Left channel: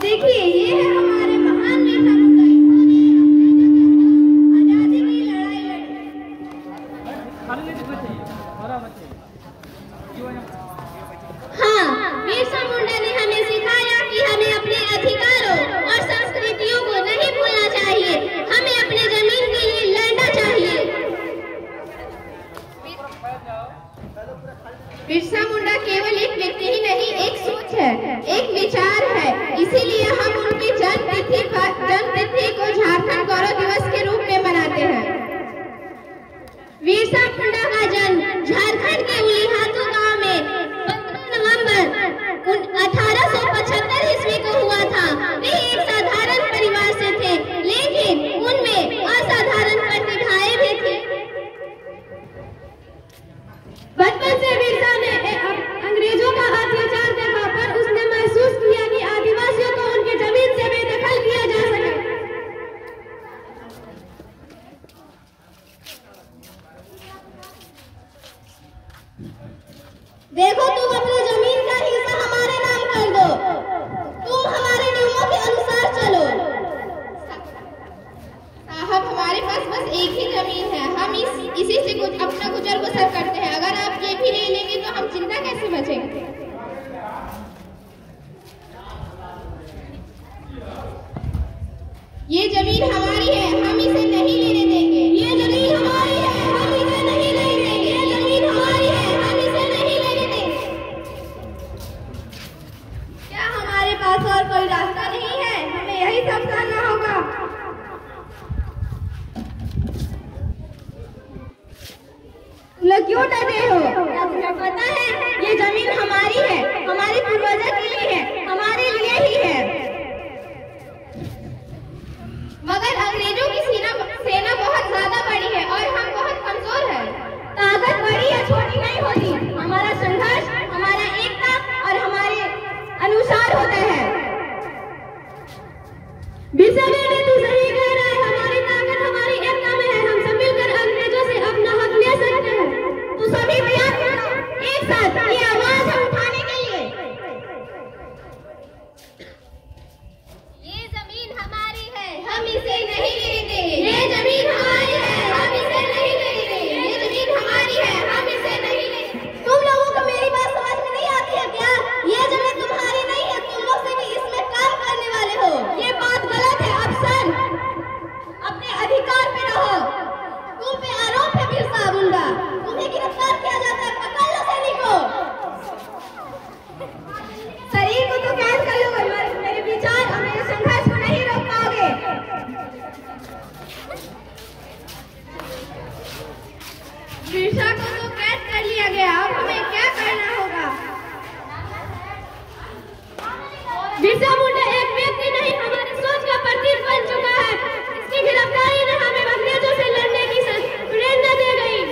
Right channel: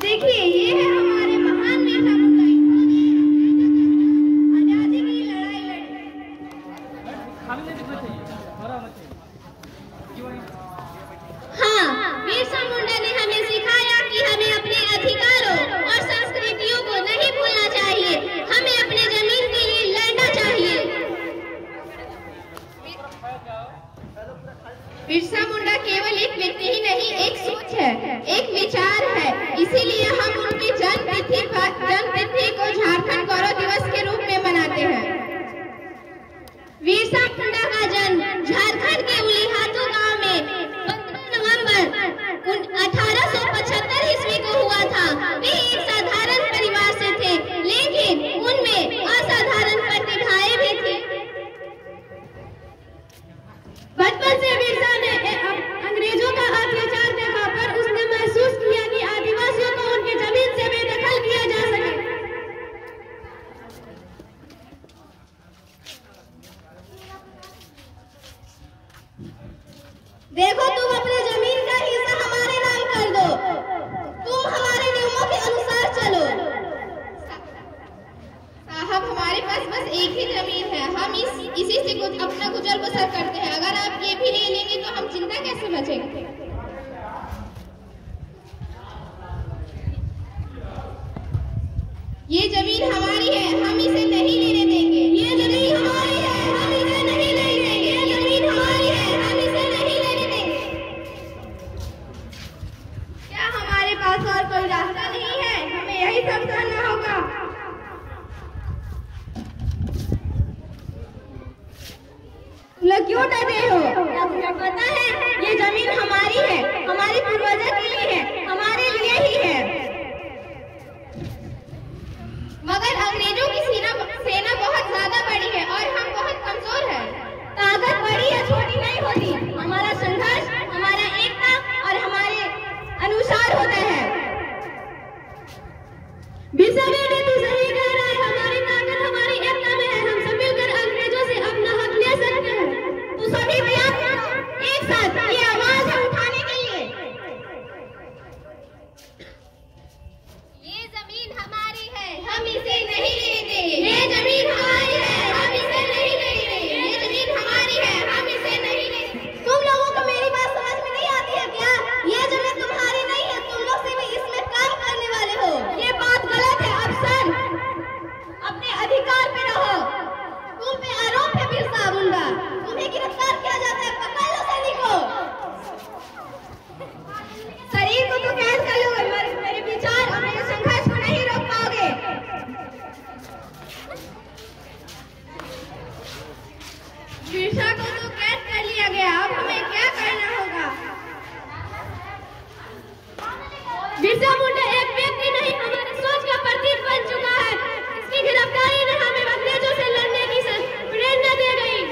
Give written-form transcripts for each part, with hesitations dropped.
देखिए ये है हमारे महान नेता बिरसा मुंडा ने हमें सिखाया कि हमें अपने अधिकारों और संस्कृतियों को नहीं भूलना चाहिए, हमें अपने जमीन के लिए लड़ना चाहिए। बिरसा मुंडा केवल एक व्यक्ति ही नहीं, एक सोच है, एक विचार है। इसीलिए हम उनकी जन्मतिथि को झारखंड गौरव दिवस के रूप में मनाते हैं। बिरसा मुंडा का जन्म झारखंड के उलीहातू गांव में 15 नवंबर 1875 ईस्वी को हुआ था। वे एक साधारण परिवार से थे, लेकिन उनमें असाधारण प्रतिभाएं भी थी। बचपन से बिरसा ने अंग्रेजों का अत्याचार देखा, पर उसने महसूस किया कि आदिवासियों को उनकी जमीन से बेदखल किया जा सके। देखो, तुम अपनी जमीन का हिस्सा हमारे नाम कर दो, तुम हमारे नियमों के अनुसार चलो। साहब, हमारे पास बस एक ही जमीन है, हम इसी से कुछ अपना गुजर बसर करते हैं। अगर आप ये भी ले लेंगे तो हम चिंता कैसे बचेंगे? ये जमीन हमारी है, हम इसे नहीं लेने देंगे। ये जमीन हमारी है, हम इसे नहीं लेने देंगे। ये जमीन हमारी है, हम इसे नहीं लेने देंगे। क्या हमारे पास और कोई रास्ता नहीं है? हमें यही सब करना होगा। लोग क्यों डरे हो? क्या तुम्हें पता है ये जमीन हमारी है, हमारे पूर्वजों के लिए है, हमारे लिए ही है। मगर अंग्रेजों की सेना बहुत ज्यादा बड़ी है और हम बहुत कमजोर हैं। ताकत बड़ी या छोटी नहीं होती, हमारा संघर्ष, हमारा एकता और हमारे अनुसार होता है। बिरसा बेटे, तू सही कह रहा है, हमारी ताकत हमारी एकता में है। हम सब मिलकर अंग्रेजों से अपना हक ले सकते हैं। तो सभी तैयार हो एक साथ ये आवाज उठाने के लिए। ये जमीन हमारी है, हम इसे नहीं लेने देंगे। ये जमीन हमारी है, हम इसे नहीं लेने देंगे। ये जमीन हमारी है, हम इसे नहीं लेने देंगे। तुम लोगों को मेरी बात समझ में नहीं आती है क्या? ये जमीन तुम्हारी नहीं है, तुम लोग से भी इसमें काम करने वाले हो। ये बात गलत है। अफसर, अपने अधिकार पे रहो। तुम पे आरोप है बिरसा मुंडा, तुम्हें गिरफ्तार किया जाता है। पकड़ लो सैनिकों। शरीर को तो कैद कर लो, मेरे विचार और मेरे संघर्ष को नहीं रोक पाओगे। बिरसा को तो कैद कर लिया गया, अब हमें क्या करना होगा? बिरसा मुंडा एक व्यक्ति नहीं, हमारी सोच का प्रतीक बन चुका है। इसकी गिरफ्तारी ने हमें अंग्रेजों से लड़ने की प्रेरणा दे गई।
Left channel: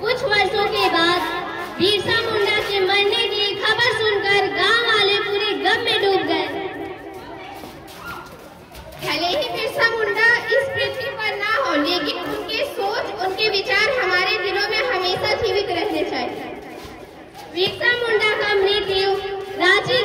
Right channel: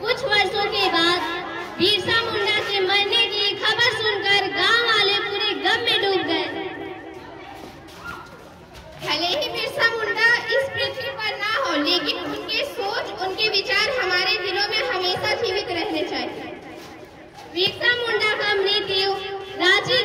कुछ वर्षों के बाद बिरसा मुंडा के मरने की खबर सुनकर गांव वाले पूरे गम में डूब गए। भले ही बिरसा मुंडा इस पृथ्वी पर ना हो, लेकिन उनकी सोच, उनके विचार हमारे दिलों में हमेशा जीवित रहने चाहिए। बिरसा मुंडा का मृत्यु रांची